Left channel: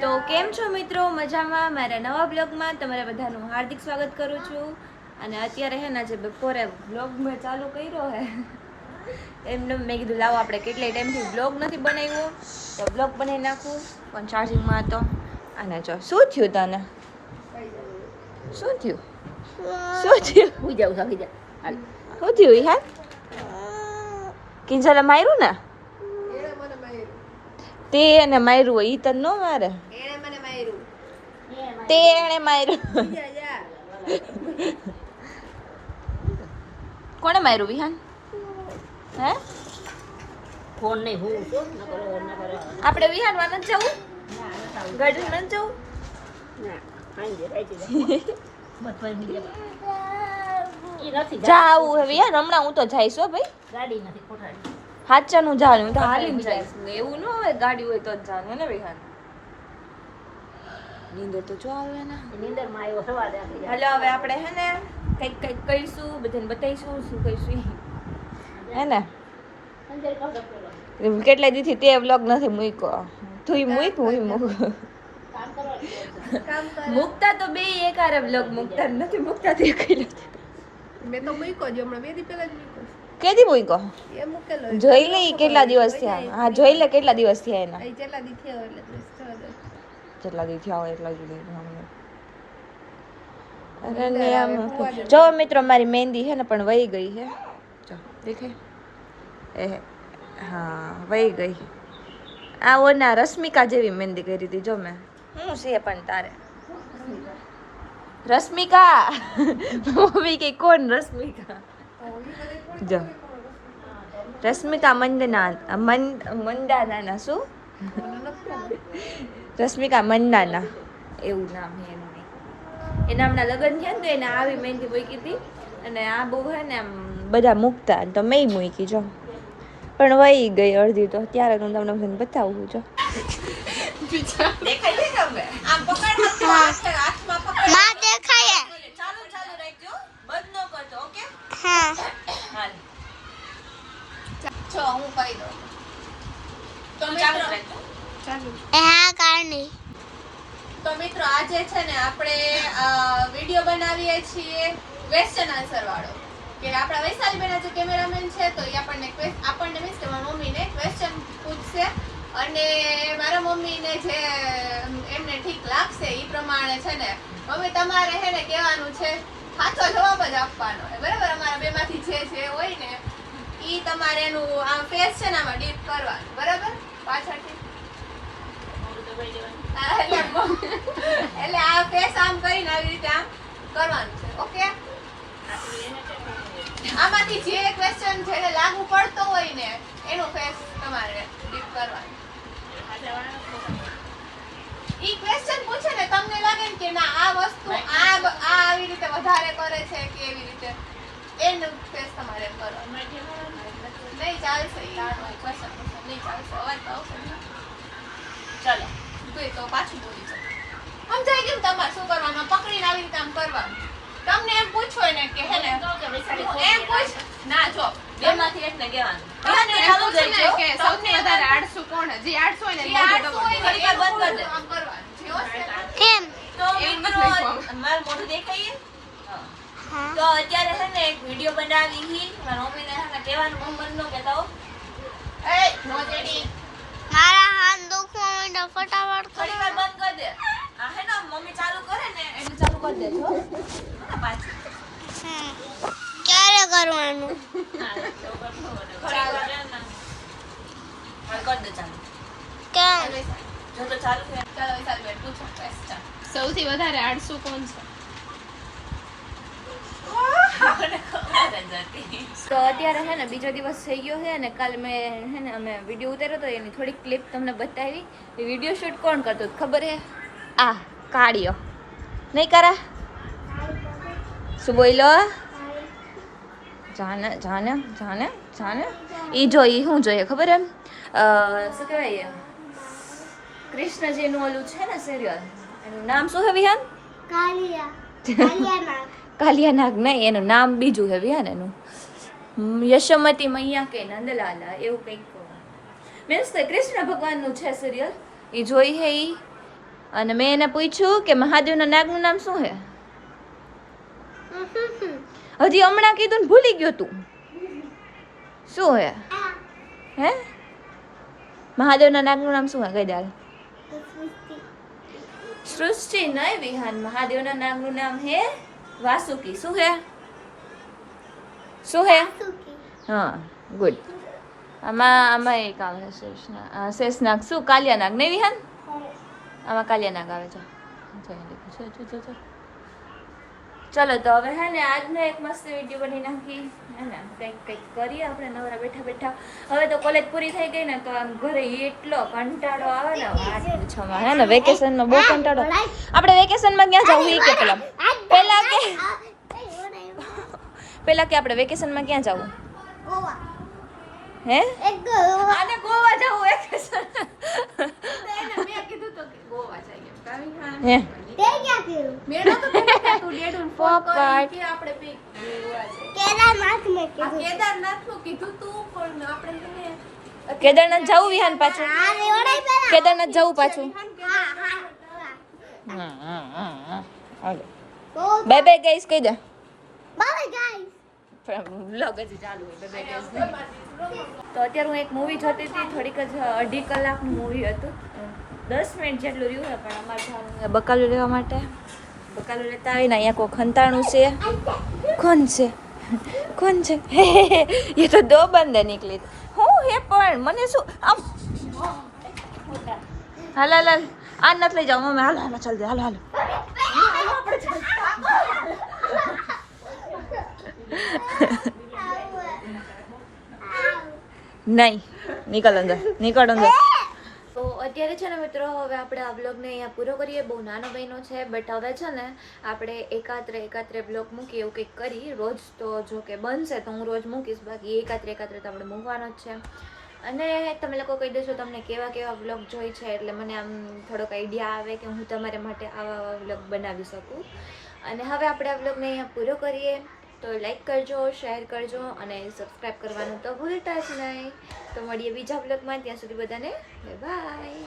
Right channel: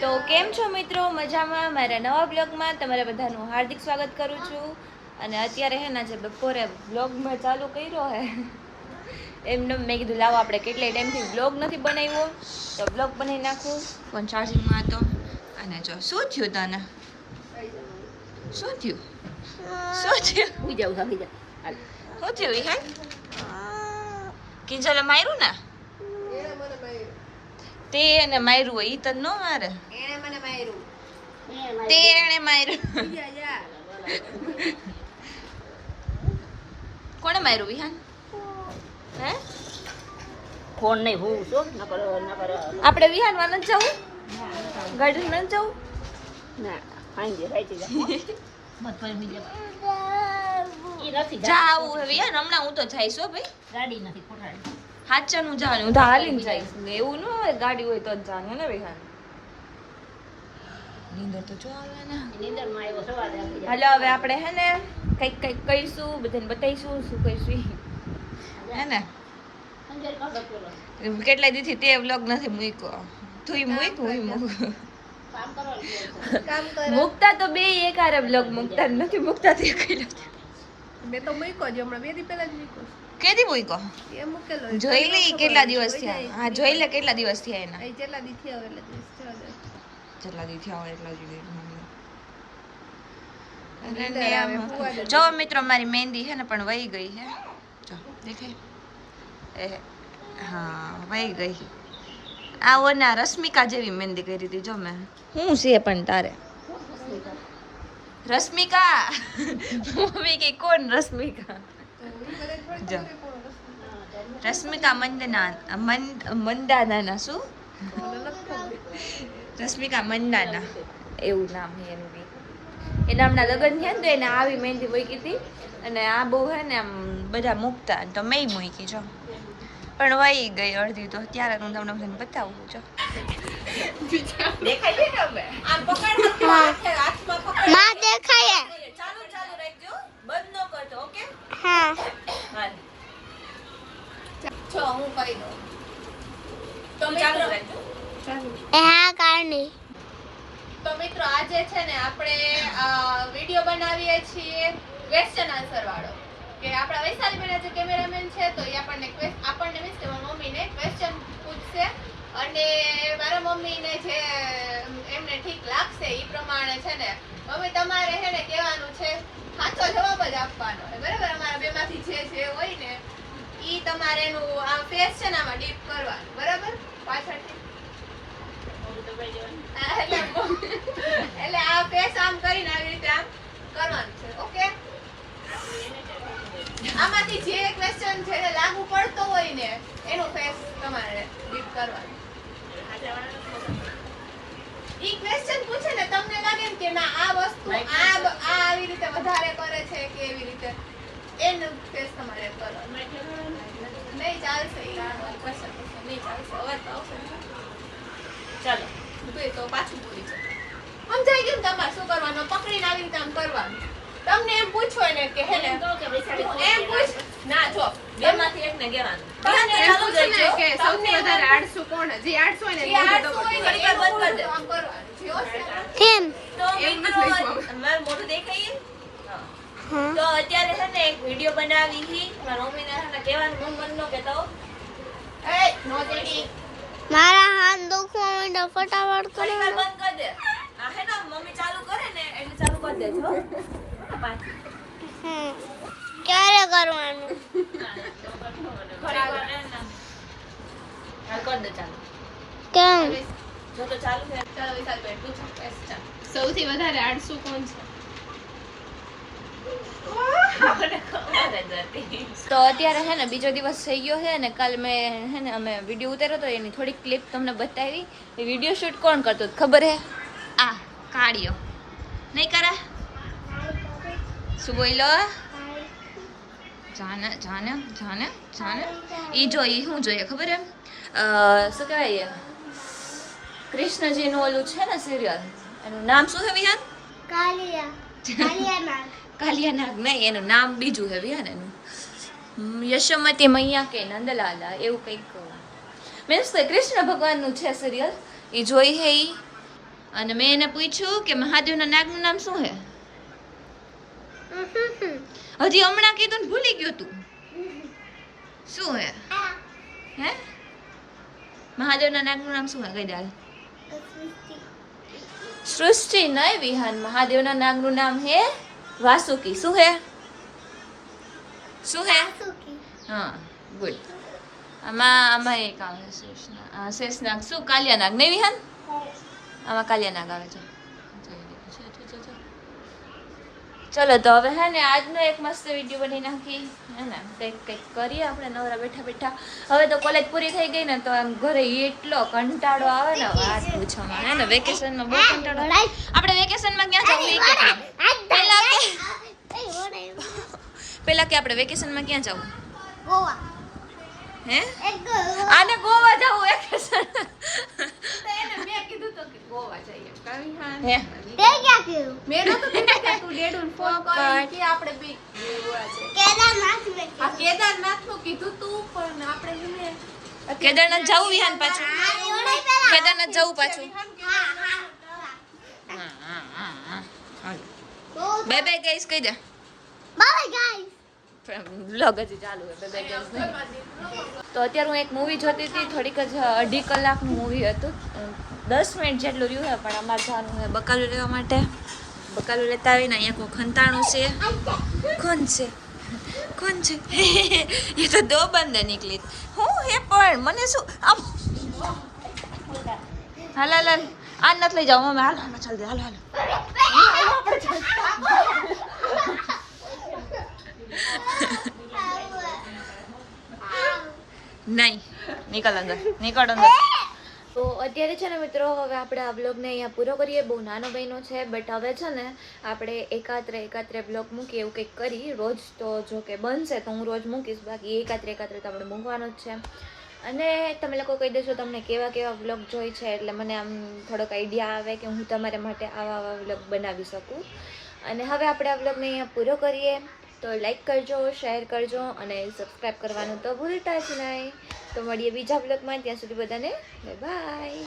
તો કેમ છો મિત્રો? મજામાં? મારા નવા બ્લોગમાં તમારા બધાનું હાર્દિક સ્વાગત કરું છું. અને અત્યારે હે ને જે બપોરે બ્લોગ મેં ચાલુ કર્યો હે એમને મેં કીધું લાવો આપણે કેટલાય ટાઈમથી બ્લોગ નથી બનાવ્યો તો બ્લોગ બનાવી નાખું. પણ ચાર્જિંગમાં હતો. અને જો શું થયું તને? શું થયું? શું થયું? હું જાઉં આવી જા શું થયું હે? કિંજલે માર્યું ને? તે એને માર્યું હોય ઈ તને ન મારે. એને મને માર્યું તે એને માર્યું. જા કોણે માર્યું વિહાન? હે? ફોન નહીં હું શું ન કરો આપણે વિહાનમાં નથી જવું? ગાર્ડન નથી જવું? ના આંજે રાઈતી જા મત પર બીજા ઈ નથી જાવું હે વિહાન હમણાં હું તો જઈશ હો ભાઈ. ગાડી નથી કોઠાડી હાચાનું જવાનું હું તો હાલીને જઈશ. એવું ન હોય ગાડી હોય તો જ જવાનું હે ને વિહાન. નીંદર તો જો આવે ને. નીંદર માં આવ્યો સવારે હાલો હવે આપણે હે ને કંઈક કરીશું, બધાને બતાવીશું શું કરીશું હે ને. કેટલા દિવસથી તે વ્લોગ નથી મૂક્યો. તું મૂક હું મૂક. મૂકતા તો બે એક હારે વ્લોગ મૂકતા નથી મૂકતા તે કઈ નથી. મેં તો મૂક્યો જ હમણાં 2 દી પહેલા જ મૂક્યો કેદી મૂક્યો? એ મૂકેલો જોઈ લે કેટલા દિવસ થયા. હા જોઈ લે કેટલા દિવસ થયા એના. એ જેટલા દી થયો એટલે દિવસ થયો દે જેટલા દી થયા હોય એટલા જ દી. નીંદર આવે, ફુવા જ જો મિત્રો મારી મહેંદી છે ને પણ વહી ગઈ છે. જો દેખાય? હા વહી ગઈ. આ ઓના રશ્મિકા જેવી મહેંદી કરી હતી જો મેં. શું છે પણ તારે? રશ્મિકા. મમ્મી કે કોણ રશ્મિકા? જો રશ્મિકા મંદાના શું? રશ્મિકા મંદાના એવું નામ છે એનું. એના હમણાં લગ્ન થયા ને તો એને આવી મહેંદી મૂકી હતી. અને આ બહુ હે ને આમ બધા મૂકતા તો મેં મૂકી જો. પણ વહી ગઈ અડધી તો. ત્યારે હું તમને બધાને બતાવું જો. દેખાય છે કે હવે? આમ પકડ હાથમાં પકડ. માં દેખાય ચાલુ ચાલુ રાખજો. બંધ ન કરતો ઓકે? હા હાલ. જો હું કરી દઉં. તો ચાલુ રાખજો. ચાલુ હા કારણી તો મિત્રો આજે છે ને આપણે વિડિયો બનાવીએ છીએ ક્વેશ્ચન આન્સર વાળો. કે આપણા વૈશાલી બેન જે કેમેરામેન છે તો એ આપણને મીન્સ કે મારા મમ્મીને ક્વેશ્ચન પૂછશે અને મારા મમ્મીને જે એમને ઠીક લાગશે એ પ્રમાણે છે ને મમ્મી તમારે છે ને કહેવાનું છે સાચો જવાબ જ આપવાનો હોય બરાબર. અમારા બેમાંથી જે હોય ને ઈ તમારે એનું આ ફેસ છે ને આમાં ડીપ કરવાનું બરાબર પાછળથી. એટલે આ ફેસ આમ કરીને આવી રીતે આમ કરવાનું છે ઓકે. આમાંથી જે ક્વેશ્ચન જેને લાગુ પડતો હોય ને એનો ફેસ તમારે ડીપ કરવાનો. ઈ ક્વેશ્ચન પૂછે ને તમને લાગે ને કે ના આ વસ્તુ આ આવી રીતે વધારે કરે છે કે એવી રીતે એનો ફેસ તમારે કરવાનો. નહીં ચાલશે ઈ ક્વેશ્ચન નહીં ચાલશે. અવાજ તો આવશે ને. ચાલો તો પાછું બોલી જાઓ. સમજાઈ ગયું ને તમારે શું કરવાનું? પકડીને આવી રીતે આમ કરવાનું. તમને એમ પૂછો ને કે હે ને એમ પૂછ ના જો બેમાંથી એકને કહેવાનું. તમને એમ ચાલુ પૂછે ને કરજો. કે સૌથી વધારે આળસુ કોણ છે? જે આળસુ હોય ને એ આઠસો હોય ને એ બંધ કરી દે. આમ કરવાનું. જે હશે ને. કેમ તો મિત્રો મારું મોઢું દેખાય છે? હા તો અત્યારે છે ને એક વિડિયો બનાવી હી મારા મમ્મીને છે ને કહેવાનું મમ્મી બંધ ન કહેતો. એ નો જેડી મારા હાથ દુખવા માંડ્યા ફટાફટ થોડી કરો વાર બંધ કરી દે. આ હે ને મમ્મી ચાલુ કરે ને એટલે ચાલુ કરી દેજો. પાછી ક્યારે કરવાનું થોડી વાર રહે ને. હાલ કરી દે ચાલુ. કેમ જો તો ચાલુ છે. ચાલો વિશાલ બેન પૂછો ક્વેશ્ચન. સૌથી વધારે આળસુ કોણ છે? તો અત્યારે હે ને બીજો દિવસ થઈ ગયો છે અને કાલ મેં હે ને અમે વિડીયો ઉતાર્યો તો એની થોડીક ક્લિપ તમને બતાવી. એ વિડીયો શૂટ કોણ કરતો હતો ખબર હે? આ કાળિયો નહીં કરા? શું બોલ્યો? જાને જાને જાને જાને ઈ જો ઈ શું જોઈએ ખબર એમ? શું કહેવાય કૃષ્ણજીનું ઓલું છે ને સિરિયલ એનું નામ શું છે વિહાન? કાલિયા કાલિયા કાલિયા નાગ નહીં એનું નામ બીજું છે વિહાન. એનું યશોમતી મૈયા કે નંદલાલા એવું કંઈક મીન્સ કૃષ્ણ ભગવાનનું છે સિરિયલ. એ જોઈ હે ઈ અને મેં એને પૂછ્યું કે મહાદેવના નાગનું નામ શું હે? હજી હમણાં કીધું ને ભૂલી ગયો તું. શું હે? હે? મહાદેવના નાગનું નામ શું હે? કહી દે. સૃષ્ટિ નહીં વિહાન. મહાદેવના નાગનું નામ હે વાસુકી. શું હે? શું હે? હા, ગુડ. આમાં એક આવે શેષનાગ. શું? કાલિયાનાગ નહીં વિહાન? આમાં કાલિયાનાગ આવે છે. ચલો તો હવે હે ને આજનો એક મસ્ત વિડીયો બની નાખી હે ને, કંઈક કરીએ આપણે નવરા બેઠા બેઠા. હવે તો કોલેજ પૂરી થઈ ગઈ ને તો આમ ઘરે એટલો કંટાળો આવે ને વાત પૂછવામાં હે ને. વેકેશનમાં બહુ કંટાળો. આપણે વેકેશનમાં ક્યાં જવું એ કે પેલા કે આપણે વેકેશનમાં ક્યાં જવું? હે? આને ગોવા જવું વેકેશન. મેં કીધું તો કે ગોવા જઈએ એમ. કાવી હા હે મેં નહોતું કીધું કે તું ડેડુને ફોન કરી કે આપણે બે ગોવા જઈએ. આ કેદારનાથનું કીધું તું પણ આપણે છે ને કેદારનાથ જવું વિહાન પાછું? કેદારનાથ જવું પાછું? હાલો બાય બાય ગાઈસ કહી દે. વ્લોગ હજી ચાલુ હે. Bye bye guys. તો અત્યારે હું એક મૂવી જોતી હતી. થોડીક જ 2.5 કલાકનું મૂવી હતું. 10 મિનિટ જેટલું રહ્યું હે પણ અમારે જવાનું છે બકાલું લેવા માટે. બકાલું લેતા આવીને અહીંયા કોઈ ખંતાણું છે. કોણ છે? કોણ છે? એ તો દો બંદે નીકળી. હું હે પણ મને શું આમ હાલ હાલ હાલ આ નથી લઈ જાવ મમ્મી. હાલો હાલો ચાલ દે. હાલો હાલો નહીં નીકળ અંદર. નીકળ અંદર. તો અત્યારે છે ને મિત્રો હવે આપણે આ બ્લોગને અહીંયા પૂરો કરીએ. બહુ નાનો બન્યો છે બટ હવે છે ને આપણે એકાત્રે બ્લોગ મૂકીએ એવું કંઈક કરી. રોજ તો જો કે બનશે તો હું રોજ મૂકીશ, બાકી એકાત્રે તો આપણે મૂકવાનો જ છે. અને તમે લોકો કહી દેશો તમને કેવા કેવા બ્લોગ જોઈ છે, એટલે મને આમ થોડોક આઈડિયા આવે કે હું તમારા માટે આવા આવા બ્લોગ બનાવી શકું. અને હવે આપણે આ બ્લોગને અહીંયા પૂરો કરીએ. તો લાઈક કરજો, શેર કરજો અને સબસ્ક્રાઈબ કરવાનું તો ભૂલતા જ નહીં. તો મળીએ બીજા બ્લોગમાં. ત્યાં સુધી બધાને બાય બાય.